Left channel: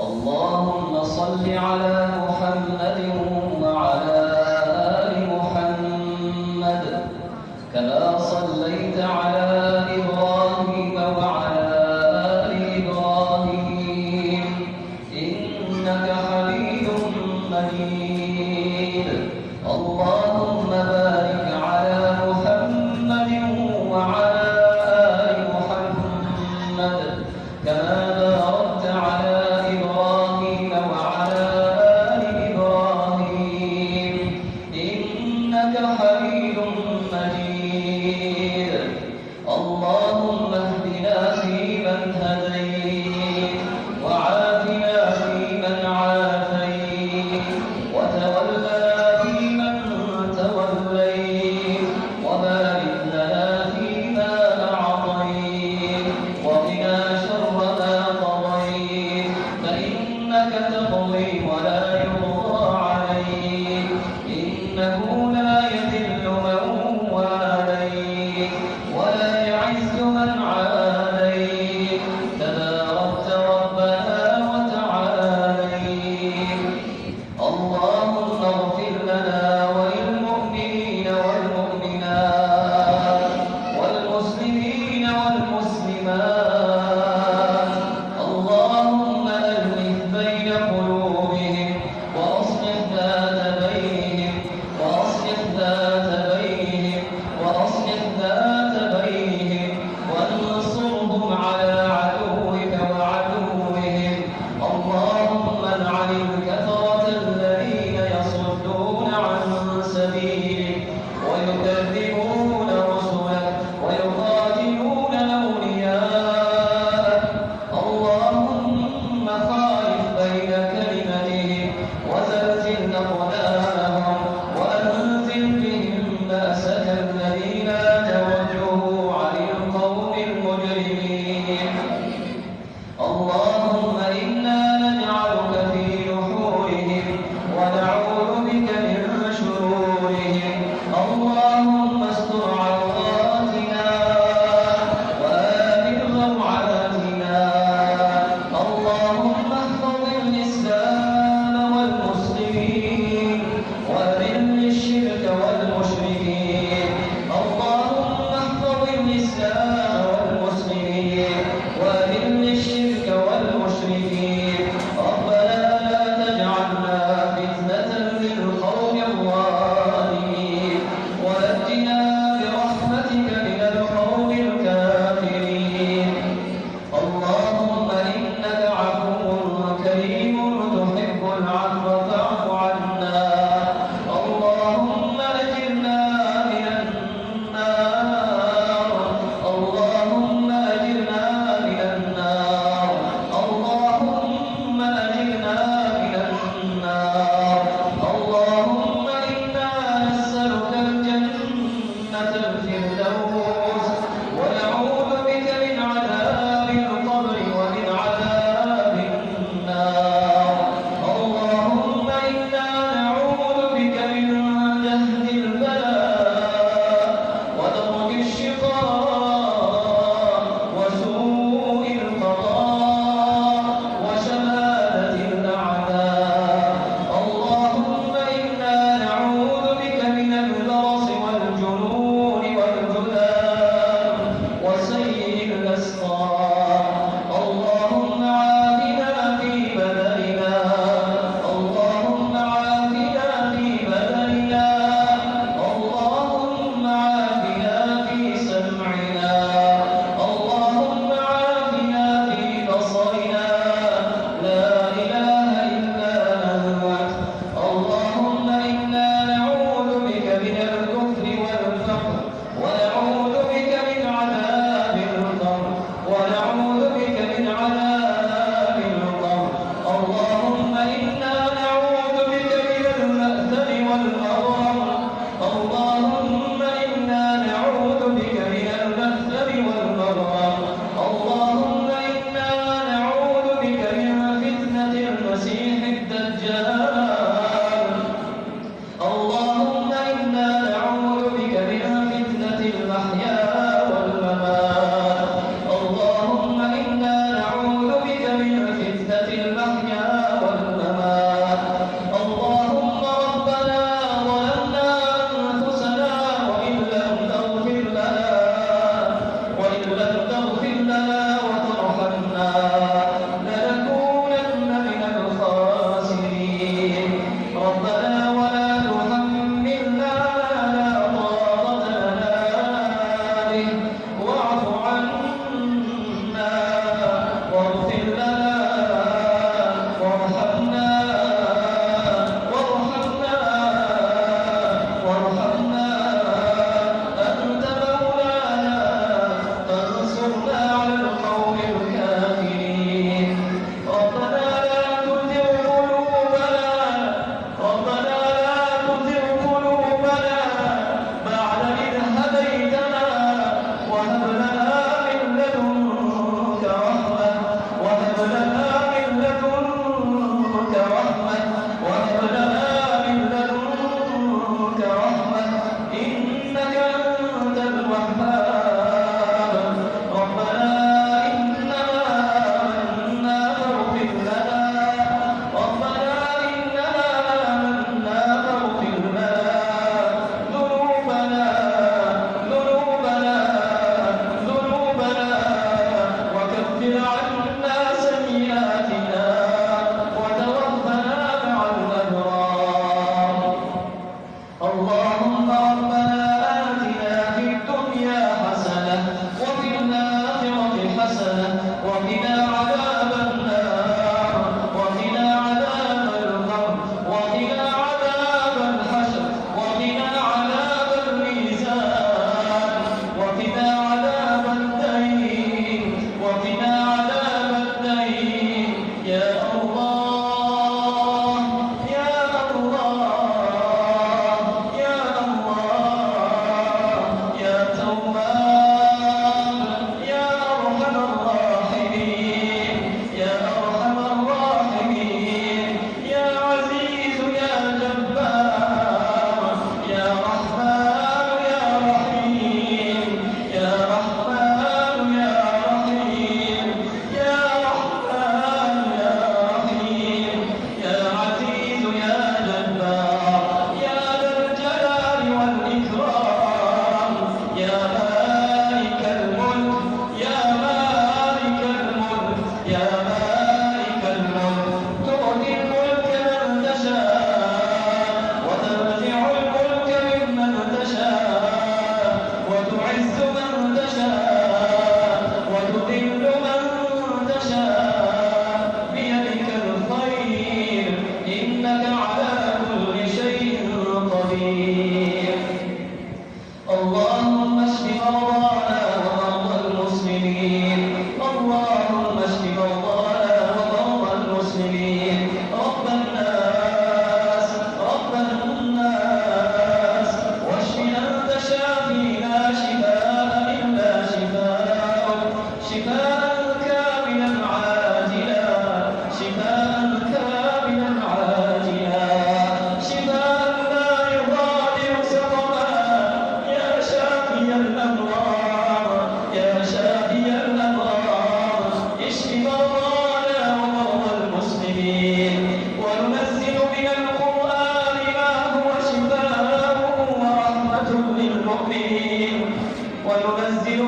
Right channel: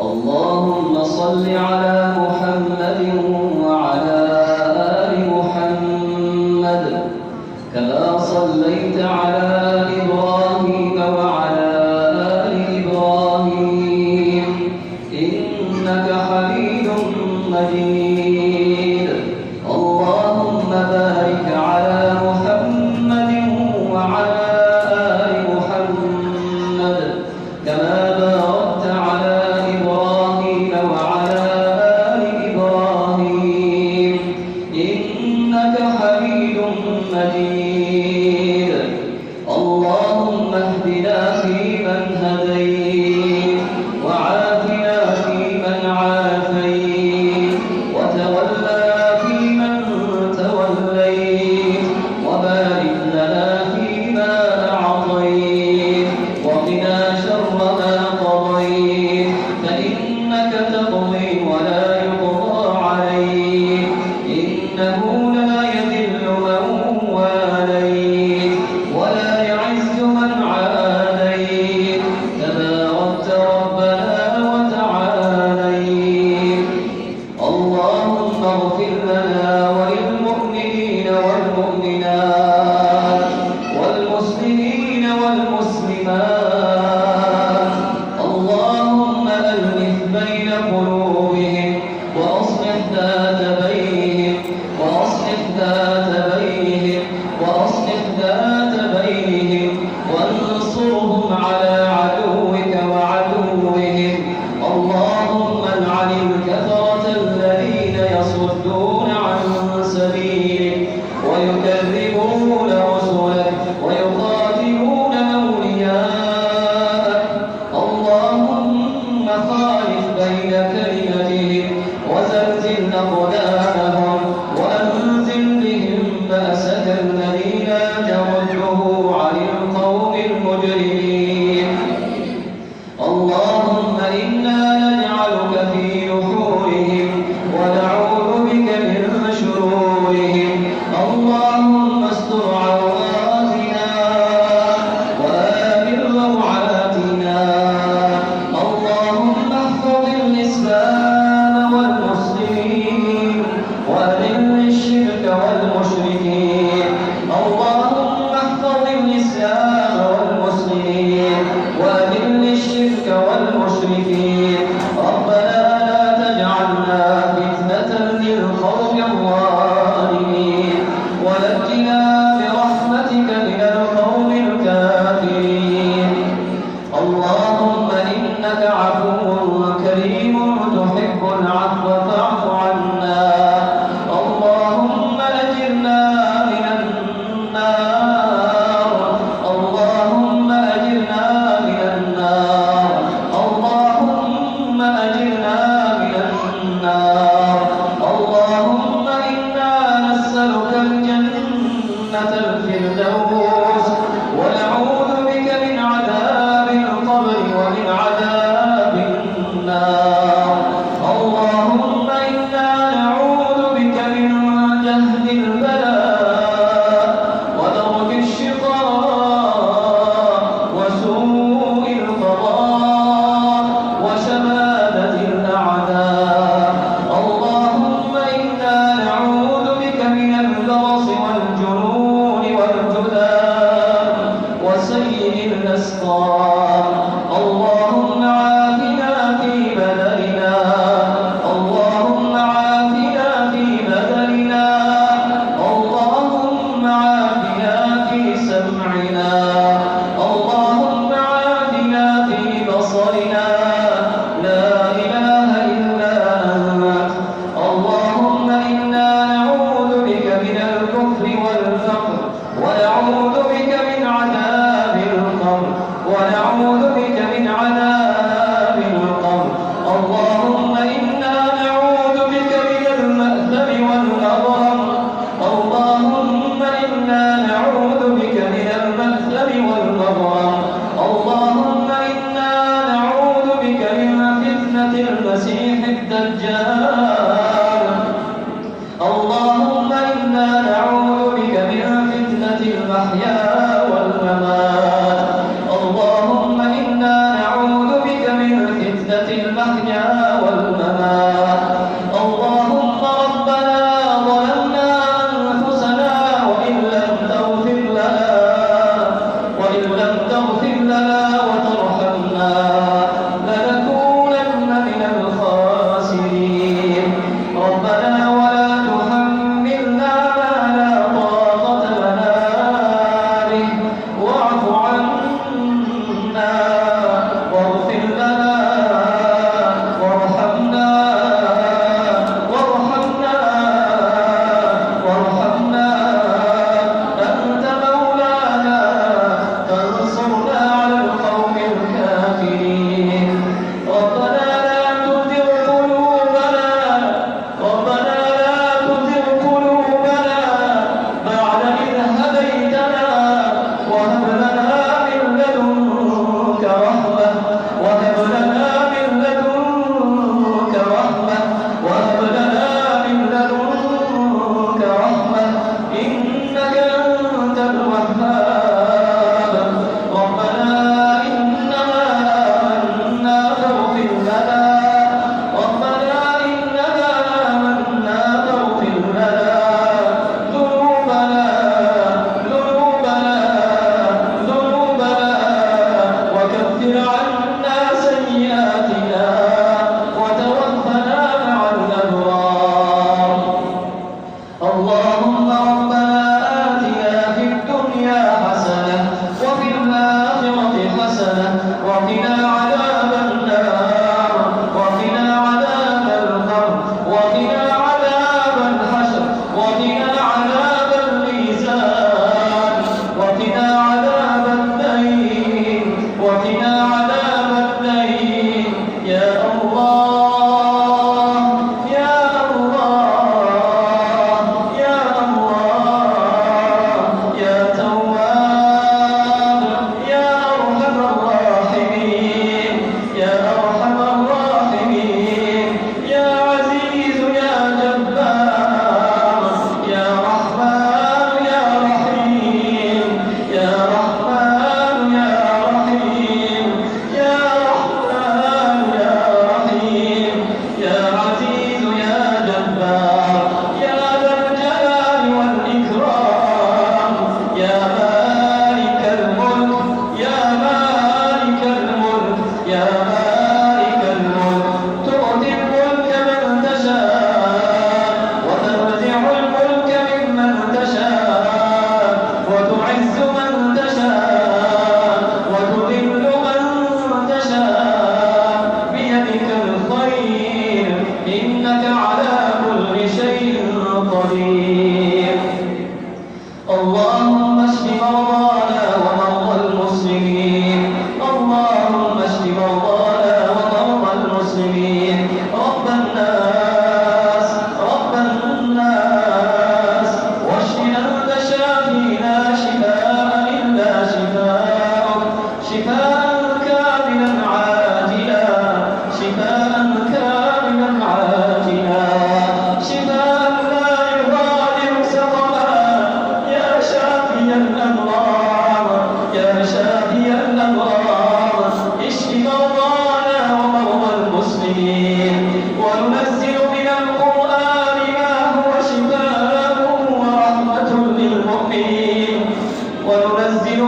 اللهم صل على محمد وعلى آل محمد كما صليت على إبراهيم وعلى آل إبراهيم إنك حميد مجيد. اللهم بارك على محمد وعلى آل محمد كما باركت على إبراهيم وعلى آل إبراهيم إنك حميد مجيد.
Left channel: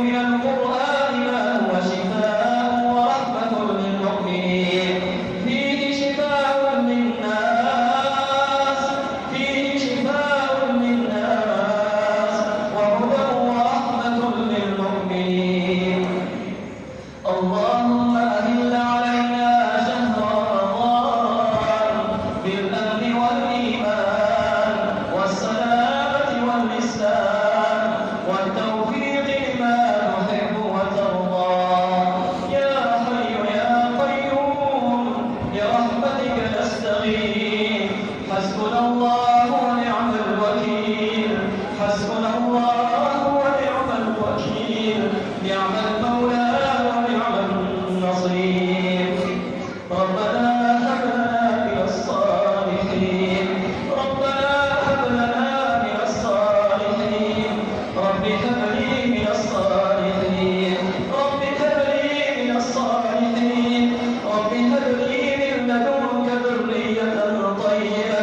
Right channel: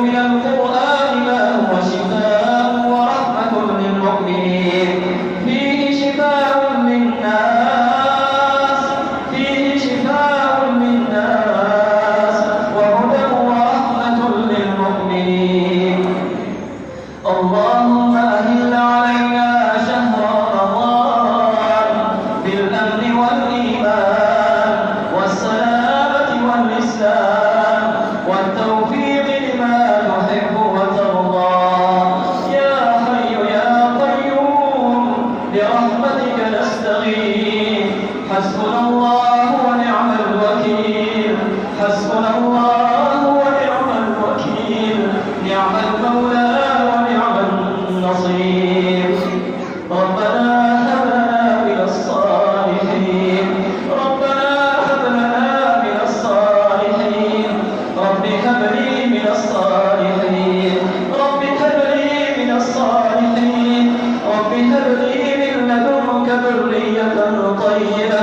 من القرآن ما هو شفاء ورحمة للمؤمنين فيه شفاء للناس وهدى ورحمة للمؤمنين. اللهم أهل علينا شهر رمضان بالأمن والإيمان والسلامة والإسلام والتوفيق لما تحب وترضى يا حي يا قيوم برحمتك نستغيث. حسبنا الله ونعم الوكيل، حسبنا الله ونعم الوكيل، نعم المولى ونعم النصير. ربنا هب لنا من الصالحين، ربنا هب لنا من الصالحين، رب هب لي من الصالحين، رب هب لي من الصالحين، رب هب لي من لدنك ذرية طيبة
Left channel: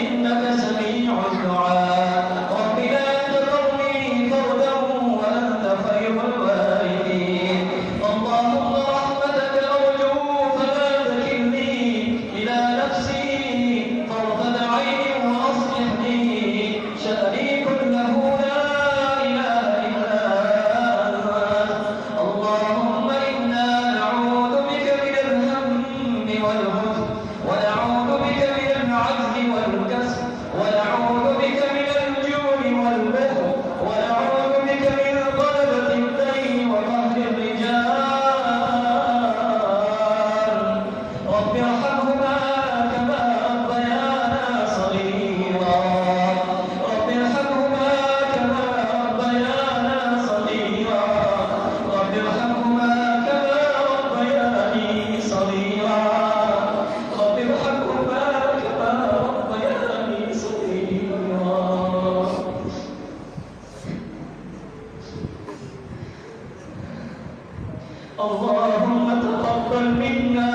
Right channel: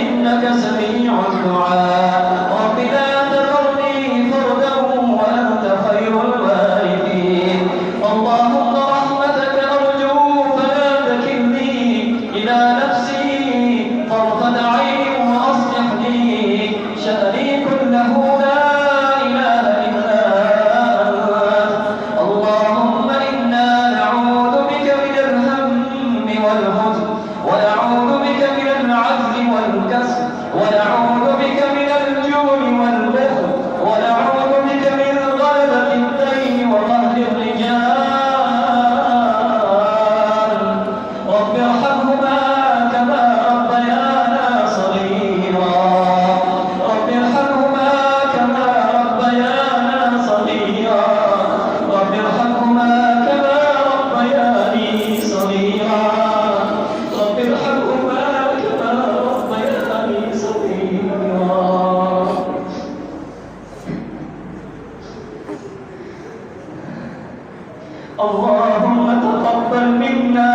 إنك سميع الدعاء. رب لا تذرني فردا وأنت خير الوارثين. اللهم رحمتك أرجو فلا تكلني إلى نفسي طرفة عين وأصلح لي شأني كله لا إله إلا أنت. اللهم إنا نعوذ بك من الهم والحزن، ونعوذ بك من العجز والكسل، ونعوذ بك من الجوع والبخل، ونعوذ بك من غلبة الدين وقهر الرجال. رب ارحمهما كما ربيانا صغيرا، رب ارحمهما كما ربيانا صغيرا، رب ارحمهما كما ربياني صغيرا، رب ارحمهما كما ربياني صغيرا. اللهم تقبل منا